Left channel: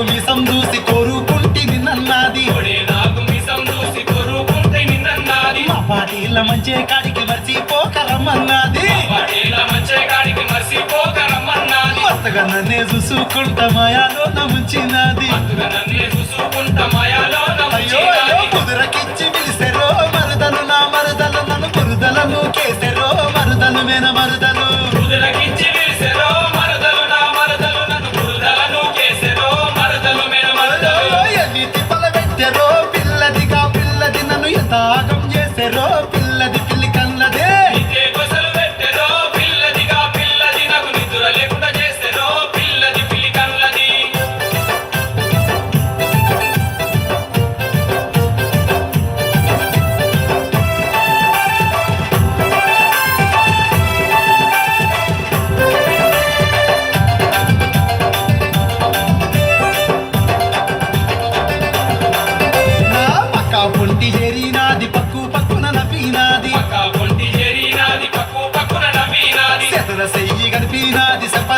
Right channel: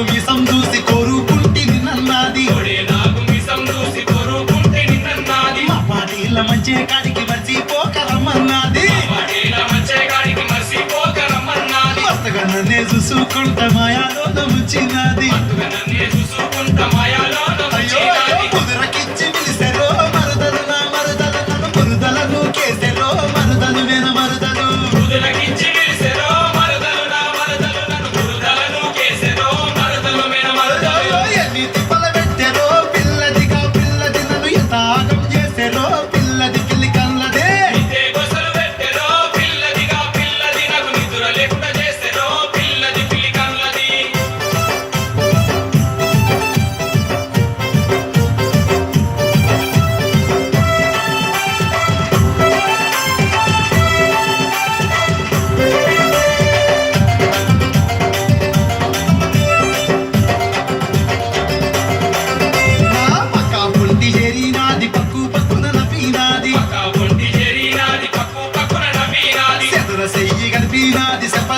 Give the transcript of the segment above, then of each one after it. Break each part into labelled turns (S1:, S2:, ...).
S1: నాకు
S2: విషం చూసి కొరుకుంటి నిన్నది
S1: నాకు
S2: మంచి కాడికి
S1: మర్చి పోకరమ్మన్నది
S2: కొత్తగా నన్నే చూసుకుంటా మాయా లోకం వచ్చినది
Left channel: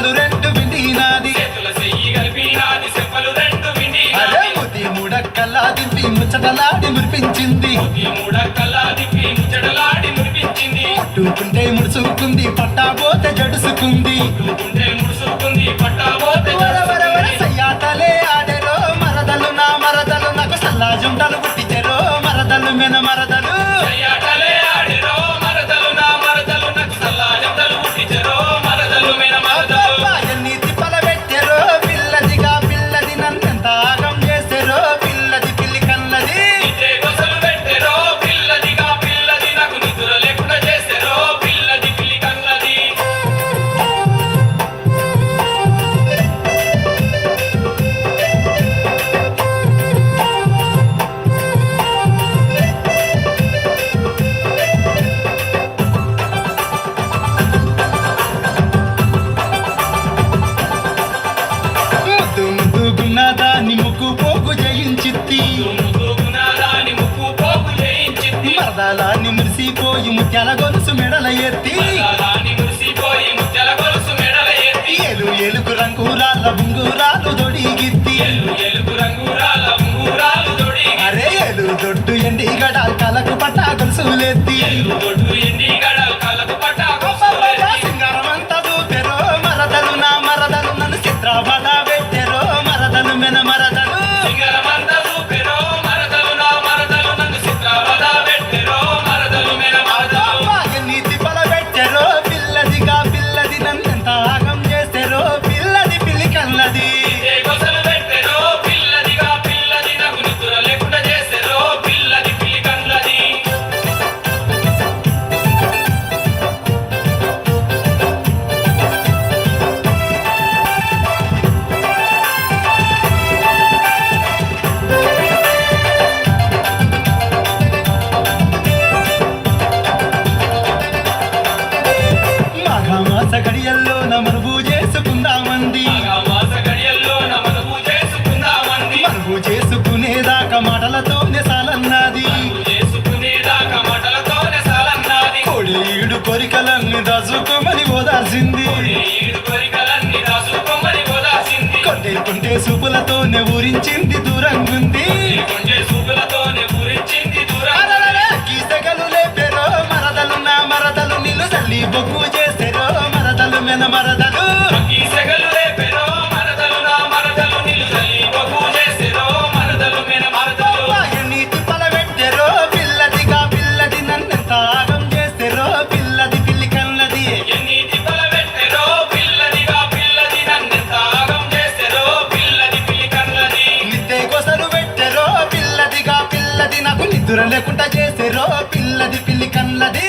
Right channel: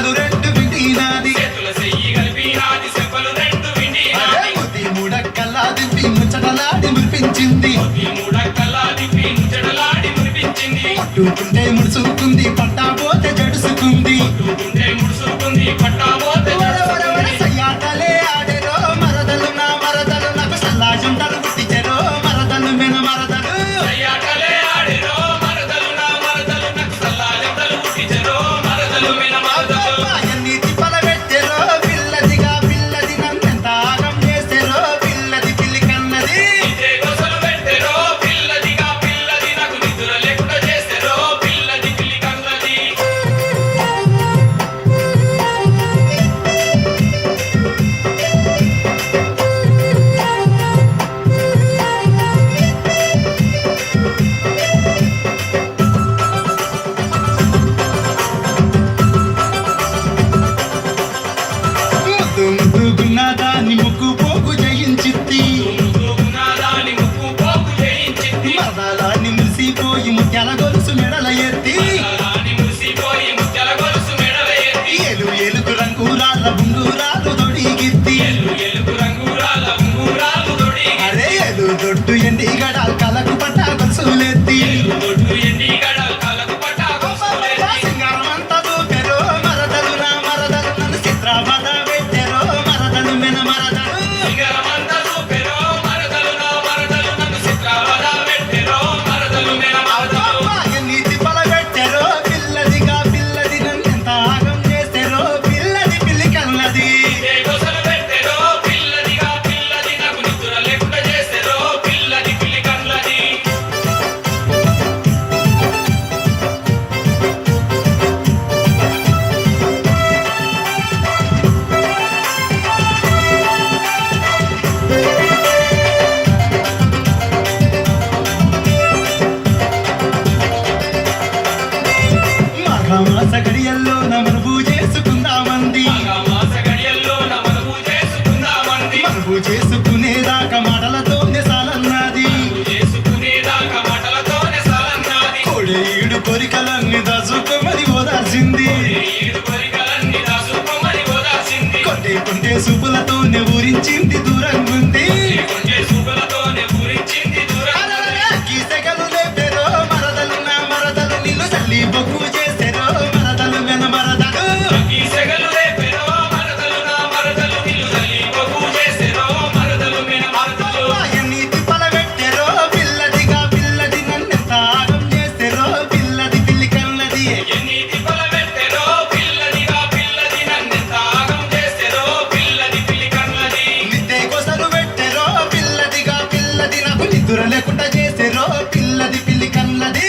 S2: చెప్పలు రెండు విండినాది. కొద్ది దింపి ముచ్చటలాడి మురిపించింది. ముడుచుకుంది పట్టా పోతే జడుసుకుంది. నాకు మరదలు మెన మరదలు
S1: గుండూరాలు దొడిగిద్ది
S2: కొంటే సూపులతోనే ఊరించింది దూరంగుంది. మరదలు నా మరదలు నిన్ను తల్లి బొగ్గు చేసెరో నిద్ర లేకుండా చేసేరో పిల్లది పిల్లి కన్నది.